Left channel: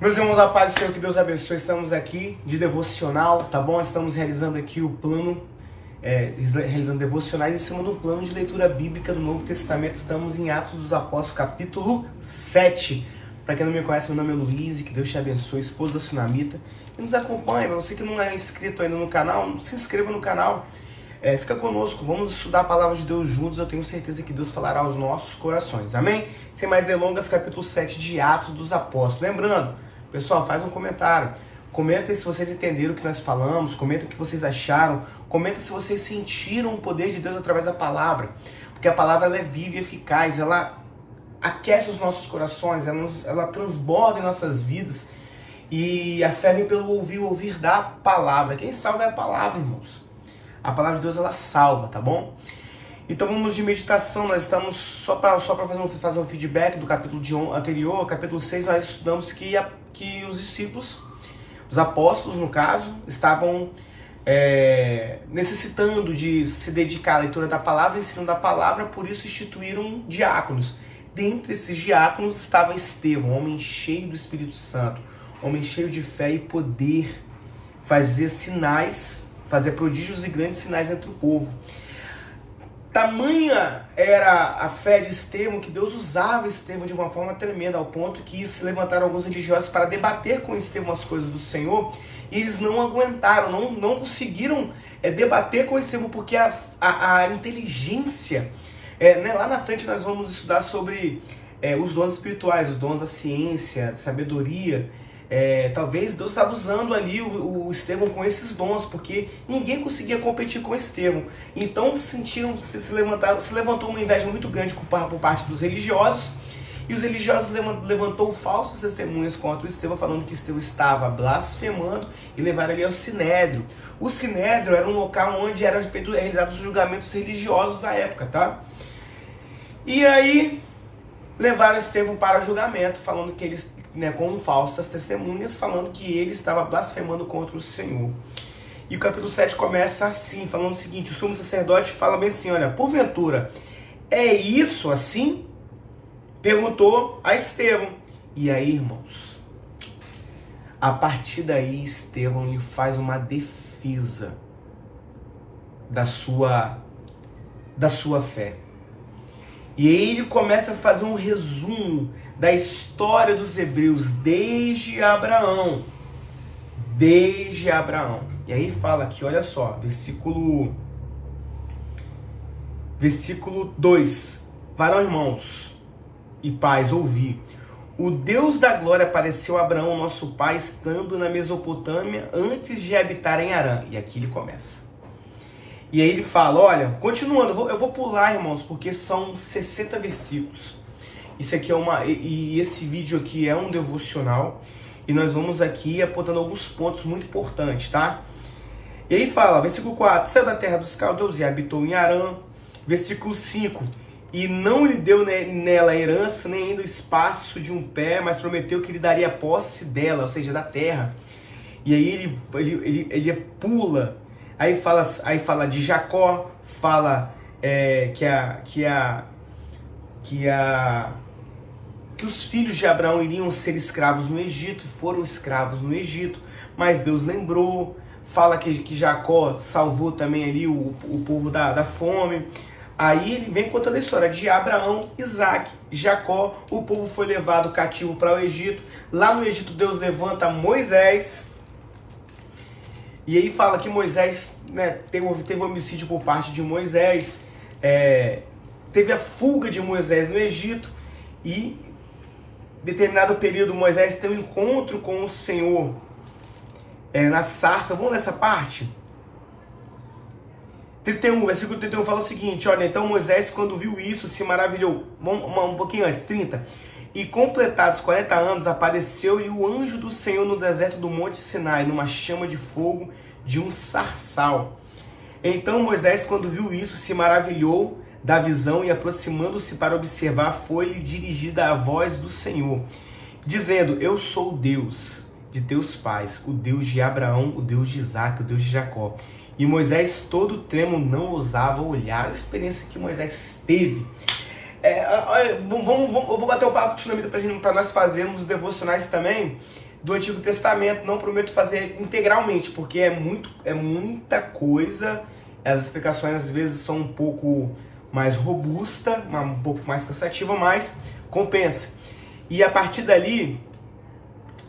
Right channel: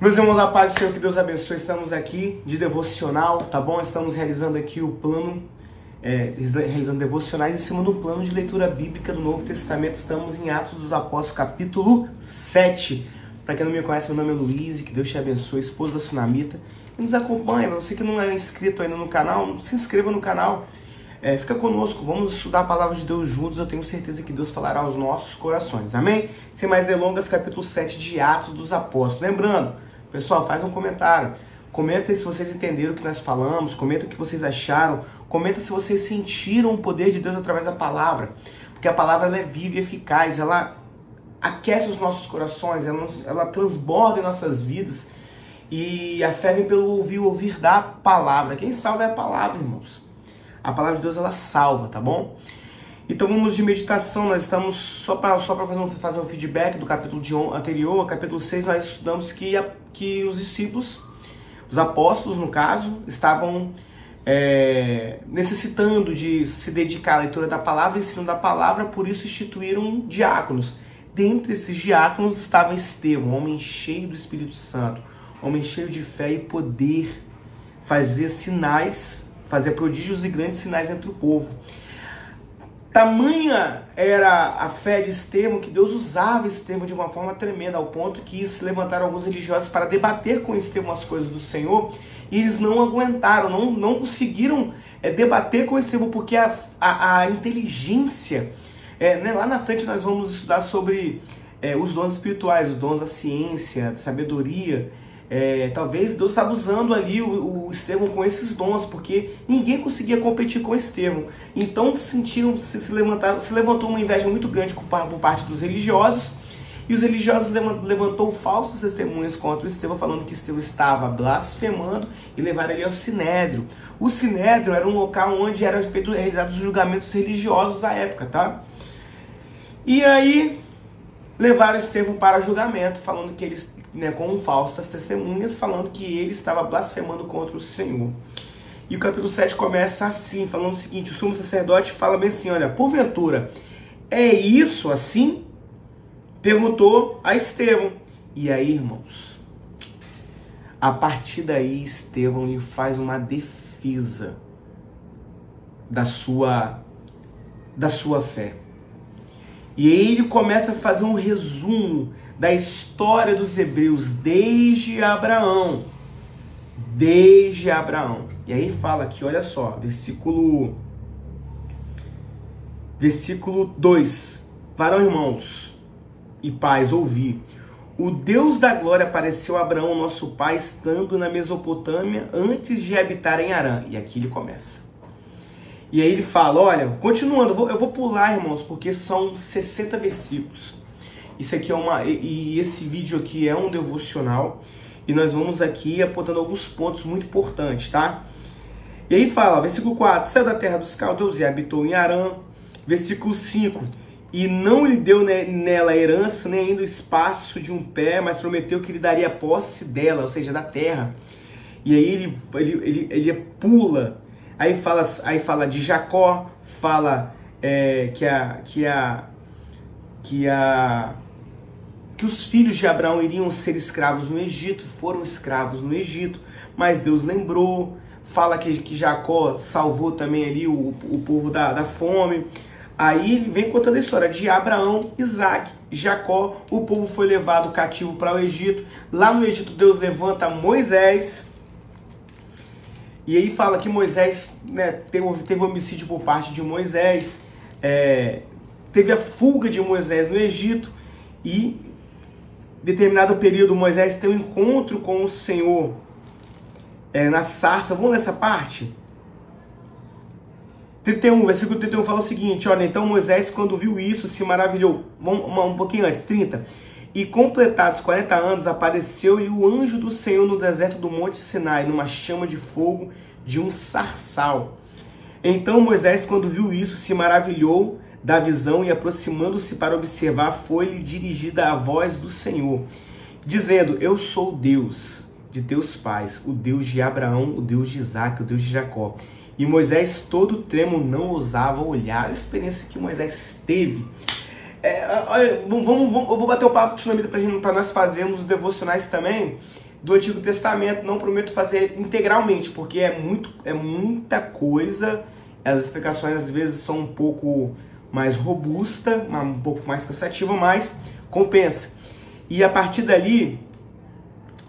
Meus irmãos, a paz do Senhor, que Deus abençoe. Estamos aqui de devocional, tá bom? Estamos realizando aqui o plano, realizando devocionais em cima do plano de leitura bíblica do Novo Testamento. Estamos em Atos dos Apóstolos, capítulo 7. Para quem não me conhece, meu nome é Luiz, que Deus te abençoe, esposa da Sunamita. E nos acompanha, para você que não é inscrito ainda no canal, se inscreva no canal. Fica conosco, vamos estudar a palavra de Deus juntos. Eu tenho certeza que Deus falará aos nossos corações, amém? Sem mais delongas, capítulo 7 de Atos dos Apóstolos. Lembrando, pessoal, faz um comentário. Comenta se vocês entenderam o que nós falamos, comenta o que vocês acharam, comenta se vocês sentiram o poder de Deus através da palavra. Porque a palavra ela é viva e eficaz, ela aquece os nossos corações, ela transborda em nossas vidas. E a fé vem pelo ouvir da palavra. Quem salva é a palavra, irmãos. A palavra de Deus, ela salva, tá bom? Então vamos de meditação. Nós estamos, só para fazer um feedback do capítulo anterior, capítulo 6, nós estudamos que os discípulos, os apóstolos no caso, estavam necessitando de se dedicar à leitura da palavra, ensino da palavra, por isso instituíram diáconos. Dentre esses diáconos estava Estevão, homem cheio do Espírito Santo, homem cheio de fé e poder, fazia sinais, fazia prodígios e grandes sinais entre o povo. Tamanha era a fé de Estevão que Deus usava Estevão de uma forma tremenda, ao ponto que se levantaram alguns religiosos para debater com Estevão as coisas do Senhor, e eles não aguentaram, não conseguiram debater com Estevão, porque a inteligência, lá na frente nós vamos estudar sobre os dons espirituais, os dons da ciência, da sabedoria. Talvez Deus estava usando ali o Estevão com esses dons, porque ninguém conseguia competir com Estevão. Então se levantou uma inveja muito grande por parte dos religiosos, e os religiosos levantou falsas testemunhas contra o Estevão, falando que Estevão estava blasfemando, e levaram ele ao Sinédrio. O Sinédrio era um local onde eram realizados os julgamentos religiosos da época, tá? E aí levaram Estevão para julgamento, falando que eles, com falsas testemunhas, falando que ele estava blasfemando contra o Senhor. E o capítulo 7 começa assim, falando o seguinte: o sumo sacerdote fala bem assim, olha, porventura, é isso assim? Perguntou a Estevão. E aí, irmãos, a partir daí, Estevão lhe faz uma defesa da sua fé. E aí ele começa a fazer um resumo da história dos hebreus desde Abraão. Desde Abraão. E aí fala aqui, olha só, versículo 2. Varão, irmãos e pais, ouvi. O Deus da glória apareceu a Abraão, nosso pai, estando na Mesopotâmia, antes de habitar em Harã. E aqui ele começa. E aí ele fala, olha, continuando, eu vou pular, irmãos, porque são 60 versículos. Isso aqui e esse vídeo aqui é um devocional, e nós vamos aqui apontando alguns pontos muito importantes, tá? E aí fala, versículo 4, saiu da terra dos caldeus e habitou em Harã. Versículo 5, e não lhe deu nela herança, nem ainda o espaço de um pé, mas prometeu que lhe daria posse dela, ou seja, da terra. E aí ele pula. Aí fala de Jacó, fala que os filhos de Abraão iriam ser escravos no Egito, foram escravos no Egito, mas Deus lembrou, fala que Jacó salvou também ali o povo da fome. Aí ele vem contando a história de Abraão, Isaac, Jacó, o povo foi levado cativo para o Egito. Lá no Egito Deus levanta Moisés. E aí fala que Moisés, teve homicídio por parte de Moisés, teve a fuga de Moisés no Egito, e em determinado período Moisés tem um encontro com o Senhor na sarça. Vamos nessa parte? 31, versículo 31 fala o seguinte, olha, então Moisés, quando viu isso, se maravilhou. Vamos um pouquinho antes, 30. E completados 40 anos, apareceu-lhe o anjo do Senhor no deserto do Monte Sinai, numa chama de fogo de um sarçal. Então Moisés, quando viu isso, se maravilhou da visão, e aproximando-se para observar, foi-lhe dirigida a voz do Senhor, dizendo, eu sou o Deus de teus pais, o Deus de Abraão, o Deus de Isaac, o Deus de Jacó. E Moisés, todo trêmulo, não ousava olhar. A experiência que Moisés teve Eu vou bater o papo com o Sunamita para nós fazermos os devocionais também do Antigo Testamento. Não prometo fazer integralmente, porque é muita coisa. As explicações às vezes são um pouco mais robustas, um pouco mais cansativa, mas compensa. E a partir dali,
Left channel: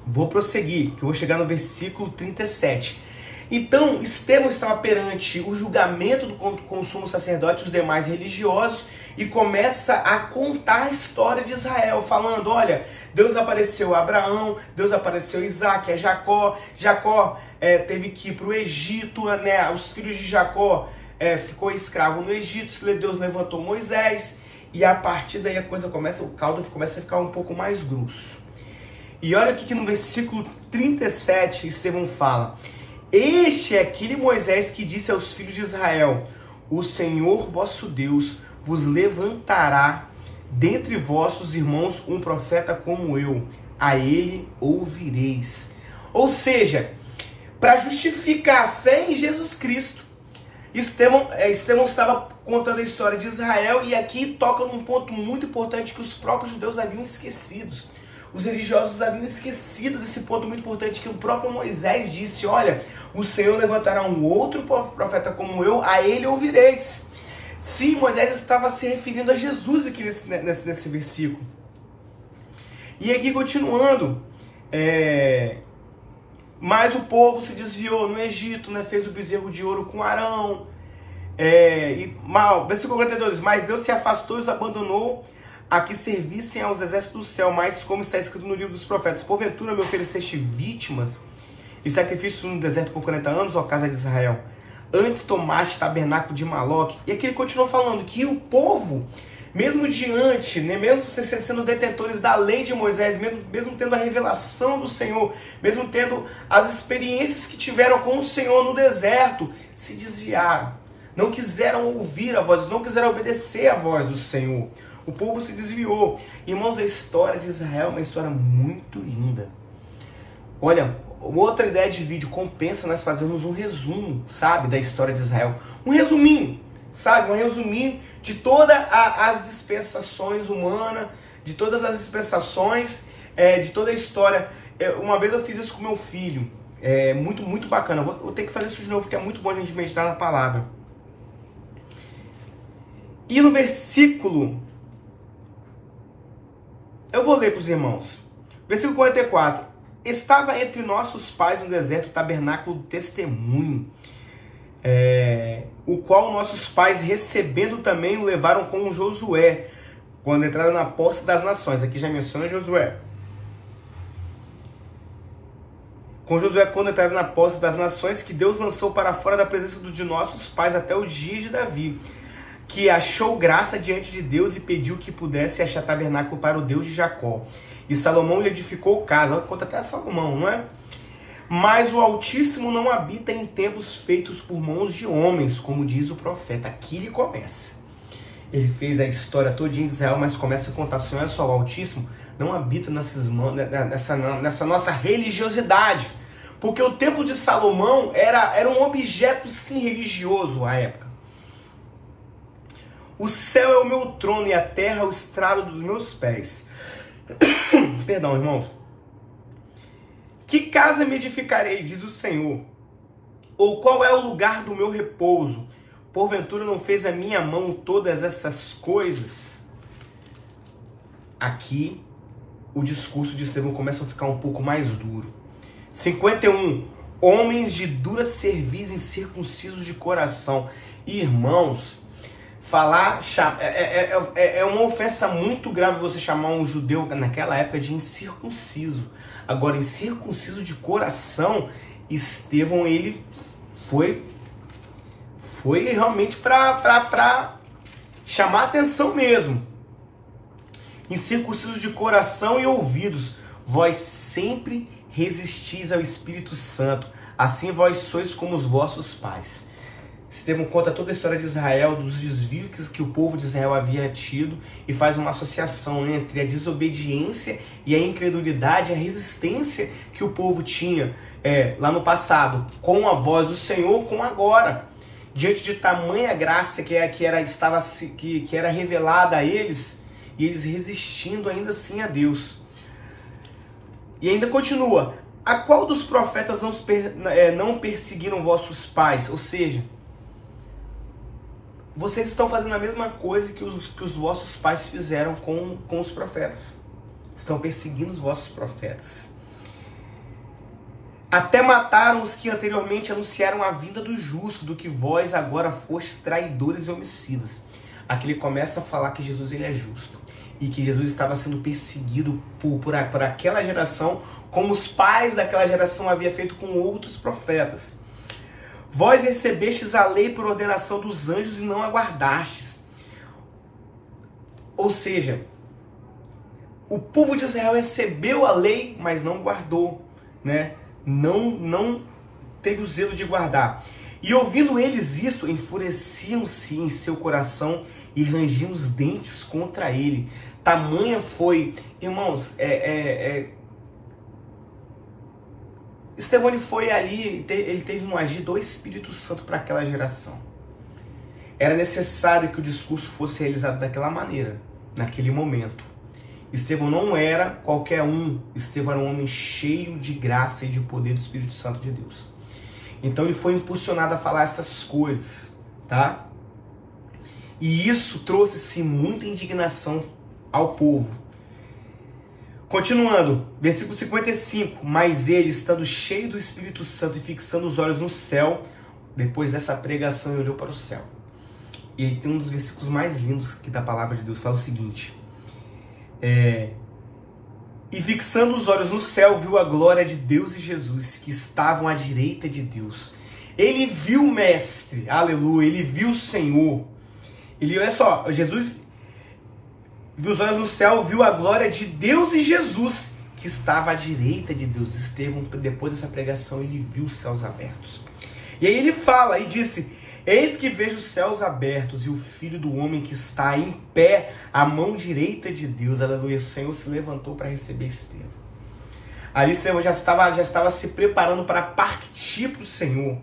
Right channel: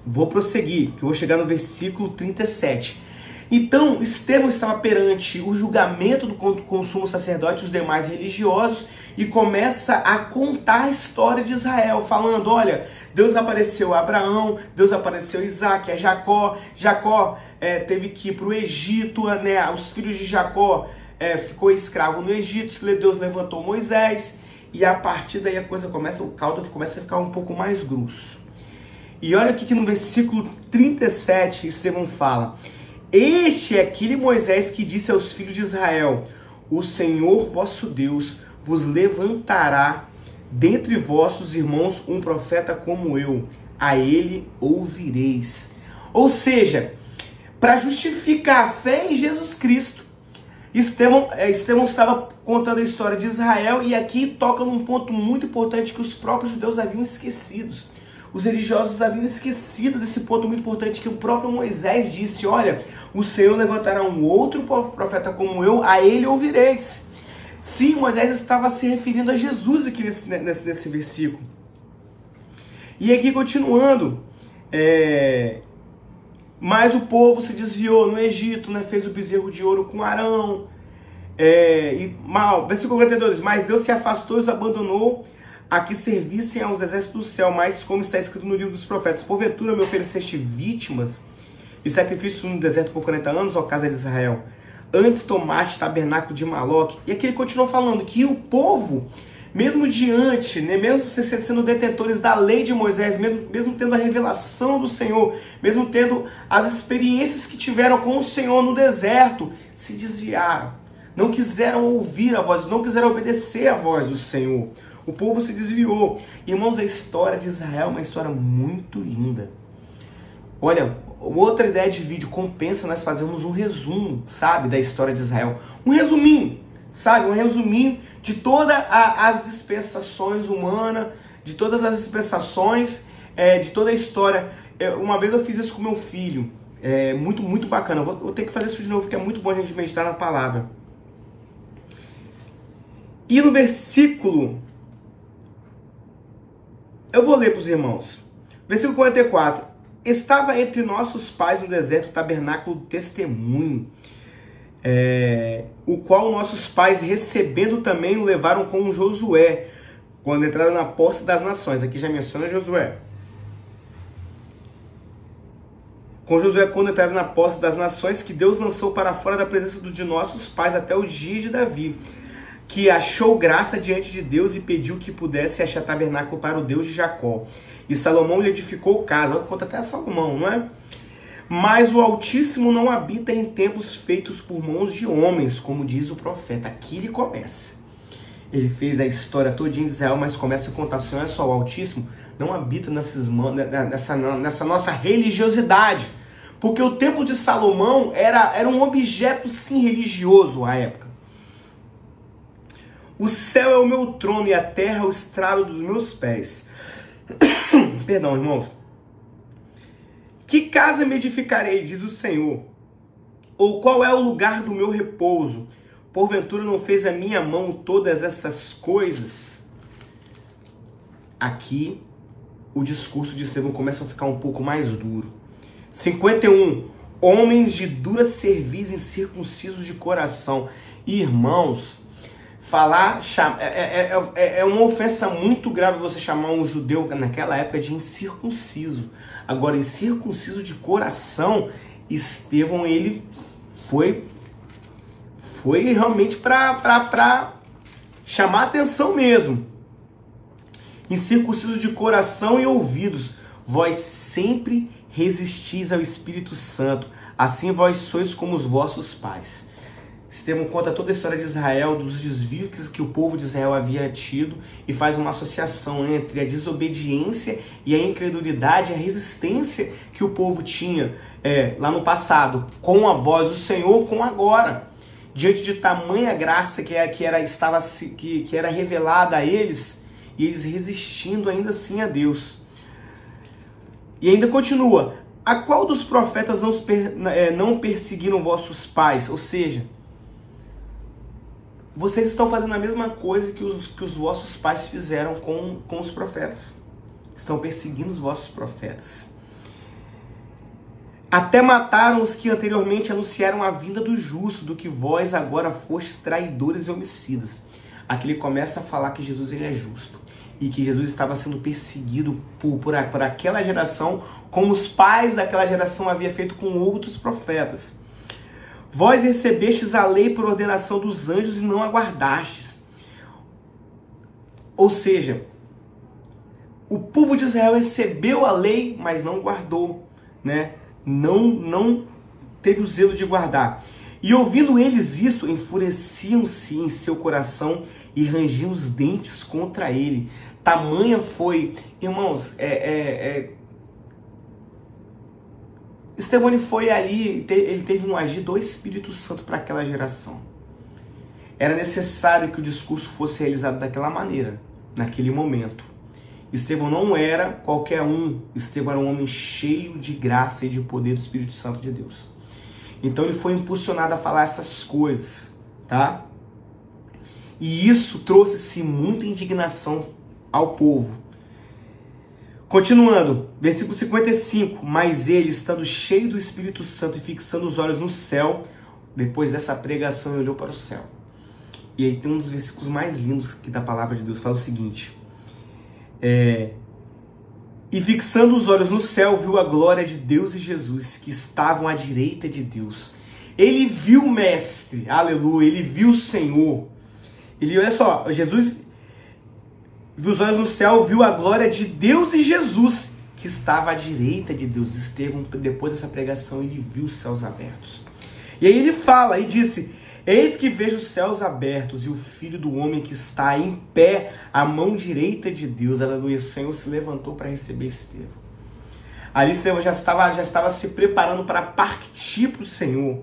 vou prosseguir, que eu vou chegar no versículo 37. Então, Estevão estava perante o julgamento do sumo sacerdote e os demais religiosos e começa a contar a história de Israel, falando, olha, Deus apareceu a Abraão, Deus apareceu a Isaac, a Jacó, Jacó teve que ir para o Egito, né? Os filhos de Jacó ficou escravo no Egito, Deus levantou Moisés, e a partir daí o caldo começa a ficar um pouco mais grosso. E olha aqui que no versículo 37, Estevão fala, este é aquele Moisés que disse aos filhos de Israel, o Senhor vosso Deus vos levantará dentre vossos irmãos um profeta como eu, a ele ouvireis. Ou seja, para justificar a fé em Jesus Cristo, Estevão estava contando a história de Israel e aqui toca num ponto muito importante que os próprios judeus haviam esquecido. Os religiosos haviam esquecido desse ponto muito importante que o próprio Moisés disse, olha, o Senhor levantará um outro profeta como eu, a ele ouvireis. Sim, Moisés estava se referindo a Jesus aqui nesse versículo. E aqui continuando, mas o povo se desviou no Egito, né, fez o bezerro de ouro com Arão. Versículo 42, mas Deus se afastou e os abandonou a que servissem aos exércitos do céu, mas como está escrito no livro dos profetas, porventura me ofereceste vítimas e sacrifícios no deserto por 40 anos, ó casa de Israel. Antes tomaste tabernáculo de Maloque. E aqui ele continua falando que o povo, mesmo diante, né, mesmo sendo detentores da lei de Moisés, mesmo tendo a revelação do Senhor, mesmo tendo as experiências que tiveram com o Senhor no deserto, se desviaram. Não quiseram ouvir a voz, não quiseram obedecer a voz do Senhor. O povo se desviou. Irmãos, a história de Israel é uma história muito linda. Olha, outra ideia de vídeo, compensa nós fazermos um resumo, sabe, da história de Israel. Um resuminho, sabe, um resuminho de todas as dispensações humanas, de todas as dispensações, de toda a história. Uma vez eu fiz isso com meu filho, muito bacana. Eu vou ter que fazer isso de novo, porque é muito bom a gente meditar na palavra. E no versículo... Eu vou ler para os irmãos. Versículo 44. Estava entre nossos pais no deserto o tabernáculo do testemunho, o qual nossos pais, recebendo também, o levaram com Josué, quando entraram na posse das nações. Aqui já menciona Josué. Com Josué, quando entraram na posse das nações, que Deus lançou para fora da presença de nossos pais até o dia de Davi, que achou graça diante de Deus e pediu que pudesse achar tabernáculo para o Deus de Jacó. E Salomão lhe edificou casa. Conta até a Salomão, não é? Mas o Altíssimo não habita em templos feitos por mãos de homens, como diz o profeta. Aqui ele começa. Ele fez a história todinha de Israel, mas começa a contar, assim, olha só, o Altíssimo não habita nessa nossa religiosidade. Porque o templo de Salomão era um objeto, sim, religioso à época. O céu é o meu trono e a terra o estrado dos meus pés. Perdão, irmãos. Que casa me edificarei, diz o Senhor? Ou qual é o lugar do meu repouso? Porventura não fez a minha mão todas essas coisas? Aqui, o discurso de Estevão começa a ficar um pouco mais duro. 51. Homens de dura cerviz, incircuncisos de coração. Irmãos, é uma ofensa muito grave você chamar um judeu naquela época de incircunciso. Agora, incircunciso de coração, Estevão, ele foi realmente para chamar atenção mesmo. Incircunciso de coração e ouvidos, vós sempre resistis ao Espírito Santo, assim vós sois como os vossos pais. Estevão conta toda a história de Israel, dos desvios que o povo de Israel havia tido e faz uma associação entre a desobediência e a incredulidade, a resistência que o povo tinha lá no passado, com a voz do Senhor, com agora. Diante de tamanha graça que era revelada a eles, e eles resistindo ainda assim a Deus. E ainda continua: a qual dos profetas não perseguiram vossos pais? Ou seja, vocês estão fazendo a mesma coisa que os vossos pais fizeram com os profetas. Estão perseguindo os vossos profetas. Até mataram os que anteriormente anunciaram a vinda do justo, do que vós agora fostes traidores e homicidas. Aqui ele começa a falar que Jesus ele é justo. E que Jesus estava sendo perseguido por aquela geração, como os pais daquela geração haviam feito com outros profetas. Vós recebestes a lei por ordenação dos anjos e não aguardastes. Ou seja, o povo de Israel recebeu a lei, mas não guardou, né? Não teve o zelo de guardar. E ouvindo eles isto, enfureciam-se em seu coração e rangiam os dentes contra ele. Tamanha foi, irmãos, Estevão ele foi ali, ele teve um agir do Espírito Santo para aquela geração. Era necessário que o discurso fosse realizado daquela maneira, naquele momento. Estevão não era qualquer um, Estevão era um homem cheio de graça e de poder do Espírito Santo de Deus. Então ele foi impulsionado a falar essas coisas, tá? E isso trouxe-se muita indignação ao povo. Continuando, versículo 55. Mas ele, estando cheio do Espírito Santo e fixando os olhos no céu, depois dessa pregação, ele olhou para o céu. E aí tem um dos versículos mais lindos que da palavra de Deus, fala o seguinte: e fixando os olhos no céu, viu a glória de Deus e Jesus, que estavam à direita de Deus. Ele viu o Mestre, aleluia, ele viu o Senhor. Ele, olha só, Jesus viu os olhos no céu, viu a glória de Deus e Jesus, que estava à direita de Deus. Estevão, depois dessa pregação, ele viu os céus abertos. E aí ele fala e disse: eis que vejo os céus abertos e o Filho do Homem que está em pé à mão direita de Deus. Aleluia. O Senhor se levantou para receber Estevão. Ali Estevão já estava se preparando para partir para o Senhor.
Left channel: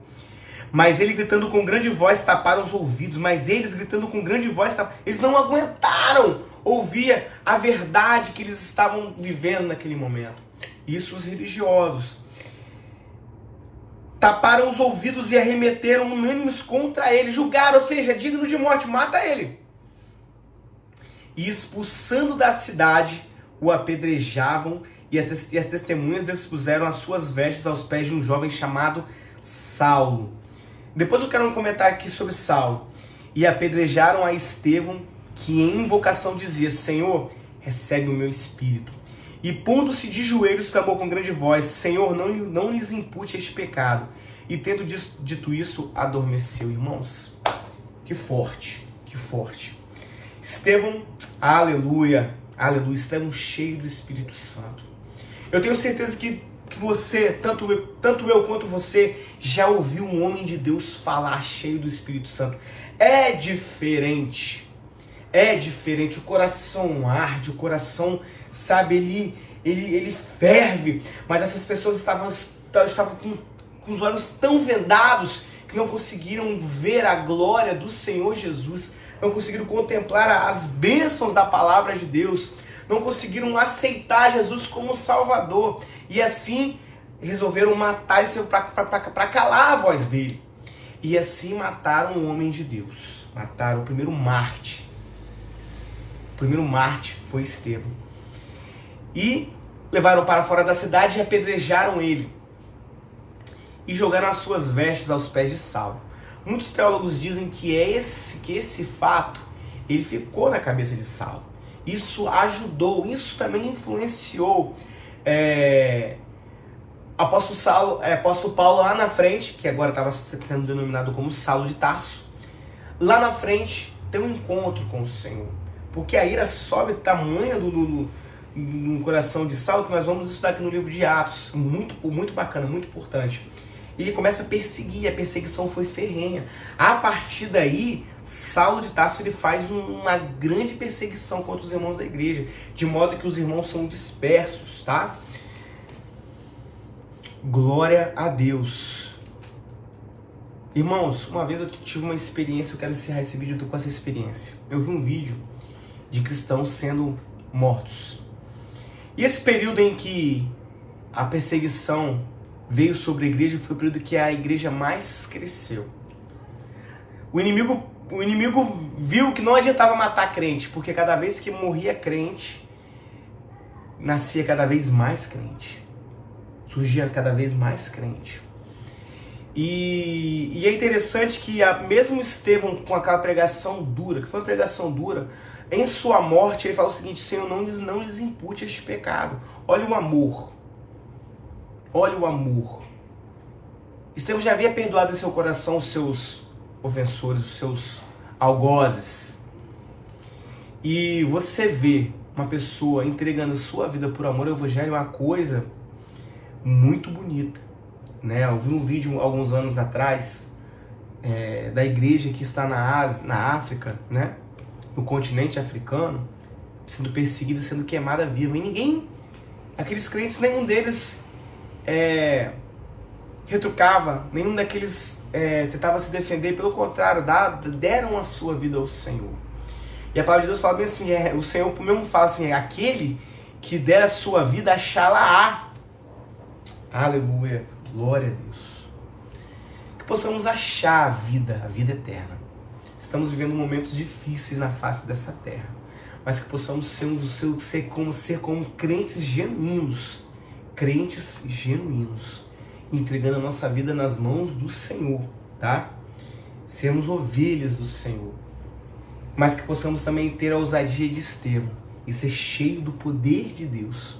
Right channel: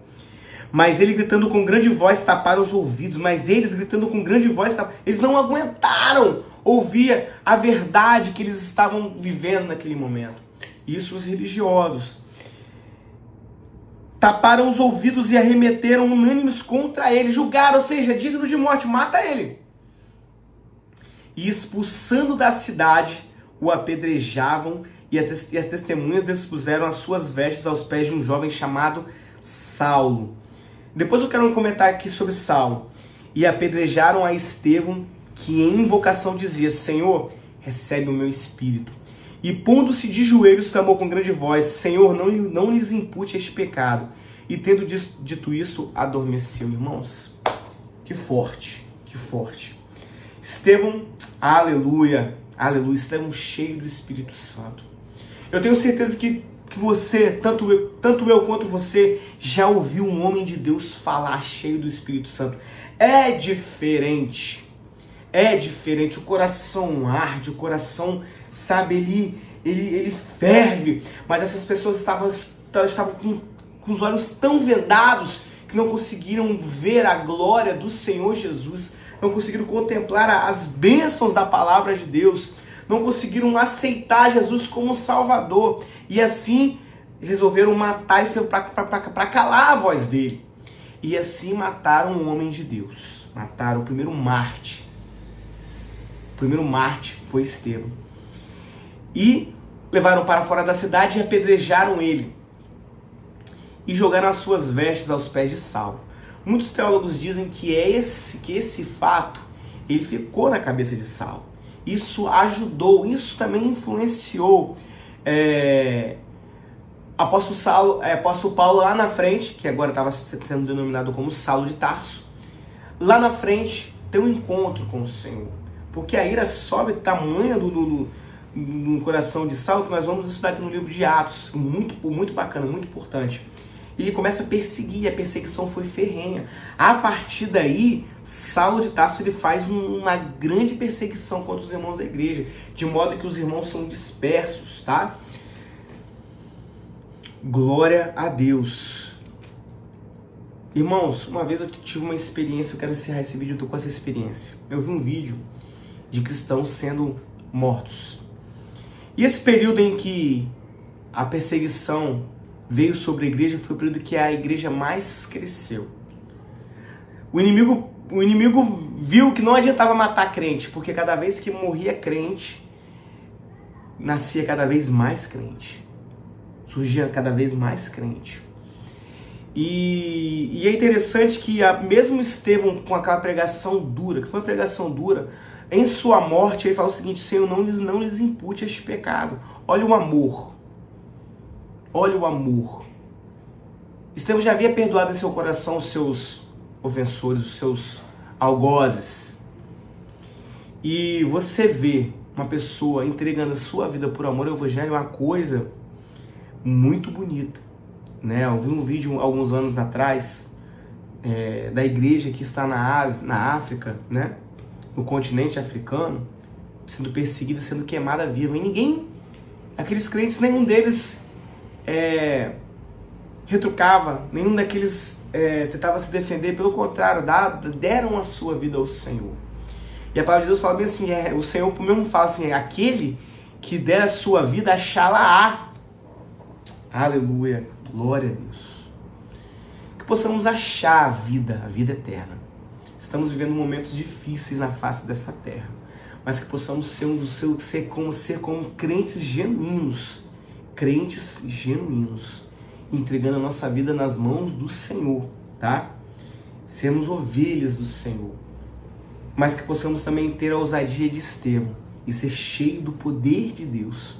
Mas ele gritando com grande voz taparam os ouvidos. Mas eles gritando com grande voz, eles não aguentaram ouvir a verdade que eles estavam vivendo naquele momento. Isso os religiosos. Taparam os ouvidos e arremeteram unânimes contra ele. Julgaram, ou seja, digno de morte, mata ele. E expulsando da cidade, o apedrejavam, e as testemunhas dispuseram as suas vestes aos pés de um jovem chamado Saulo. Depois eu quero comentar aqui sobre Saulo. E apedrejaram a Estevão, que em invocação dizia: Senhor, recebe o meu espírito. E pondo-se de joelhos, clamou com grande voz: Senhor, não lhes impute este pecado. E tendo dito isso, adormeceu. Irmãos, que forte, que forte. Estevão, aleluia, aleluia, Estevão cheio do Espírito Santo. Eu tenho certeza que você, tanto eu quanto você, já ouviu um homem de Deus falar cheio do Espírito Santo. É diferente, o coração arde, o coração, sabe, ele ferve, mas essas pessoas estavam com os olhos tão vendados que não conseguiram ver a glória do Senhor Jesus, não conseguiram contemplar as bênçãos da palavra de Deus, não conseguiram aceitar Jesus como Salvador, e assim resolveram matar ele para calar a voz dele. E assim mataram um homem de Deus, mataram o primeiro Marte. O primeiro Marte foi Estevão. E levaram para fora da cidade e apedrejaram ele. E jogaram as suas vestes aos pés de Saulo. Muitos teólogos dizem que esse fato ele ficou na cabeça de Saulo. Isso ajudou, isso também influenciou apóstolo Paulo lá na frente, que agora estava sendo denominado como Saulo de Tarso. Lá na frente tem um encontro com o Senhor. Porque a ira sobe tamanha no coração de Saulo, que nós vamos estudar aqui no livro de Atos. Muito bacana, muito importante. E ele começa a perseguir, a perseguição foi ferrenha. A partir daí, Saulo de Tarso ele faz uma grande perseguição contra os irmãos da igreja, de modo que os irmãos são dispersos, tá? Glória a Deus. Irmãos, uma vez eu tive uma experiência, eu quero encerrar esse vídeo, eu tô com essa experiência. Eu vi um vídeo de cristãos sendo mortos. E esse período em que a perseguição veio sobre a igreja foi o período que a igreja mais cresceu. O inimigo viu que não adiantava matar crente, porque cada vez que morria crente, nascia cada vez mais crente. Surgia cada vez mais crente. E é interessante que mesmo Estevão, com aquela pregação dura, que foi uma pregação dura, em sua morte ele fala o seguinte: Senhor, não lhes impute este pecado. Olha o amor. Olha o amor. Estevão já havia perdoado em seu coração os seus ofensores, os seus algozes. E você vê uma pessoa entregando a sua vida por amor ao evangelho, é uma coisa muito bonita, né? Eu vi um vídeo alguns anos atrás da igreja que está na África, né? No continente africano, sendo perseguida, sendo queimada viva. E ninguém, aqueles crentes, nenhum deles retrucava, nenhum daqueles tentava se defender, pelo contrário, deram a sua vida ao Senhor. E a palavra de Deus fala bem assim, o Senhor mesmo fala assim, aquele que der a sua vida, achá-la-á. Aleluia, glória a Deus. Que possamos achar a vida eterna. Estamos vivendo momentos difíceis na face dessa terra, mas que possamos ser como crentes genuínos, entregando a nossa vida nas mãos do Senhor, tá? Sermos ovelhas do Senhor, mas que possamos também ter a ousadia de Estevão e ser cheio do poder de Deus.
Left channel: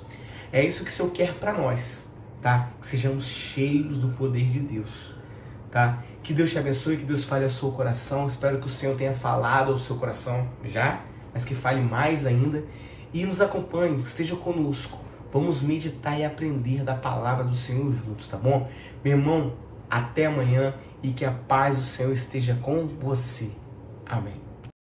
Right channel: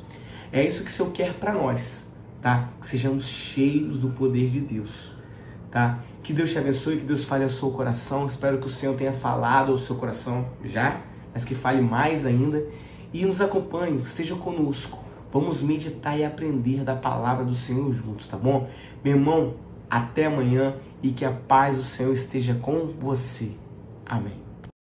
É isso que o Senhor quer para nós, tá? Que sejamos cheios do poder de Deus, tá? Que Deus te abençoe, que Deus fale ao seu coração. Espero que o Senhor tenha falado ao seu coração já, mas que fale mais ainda. E nos acompanhe, esteja conosco. Vamos meditar e aprender da palavra do Senhor juntos, tá bom? Meu irmão, até amanhã e que a paz do Senhor esteja com você. Amém.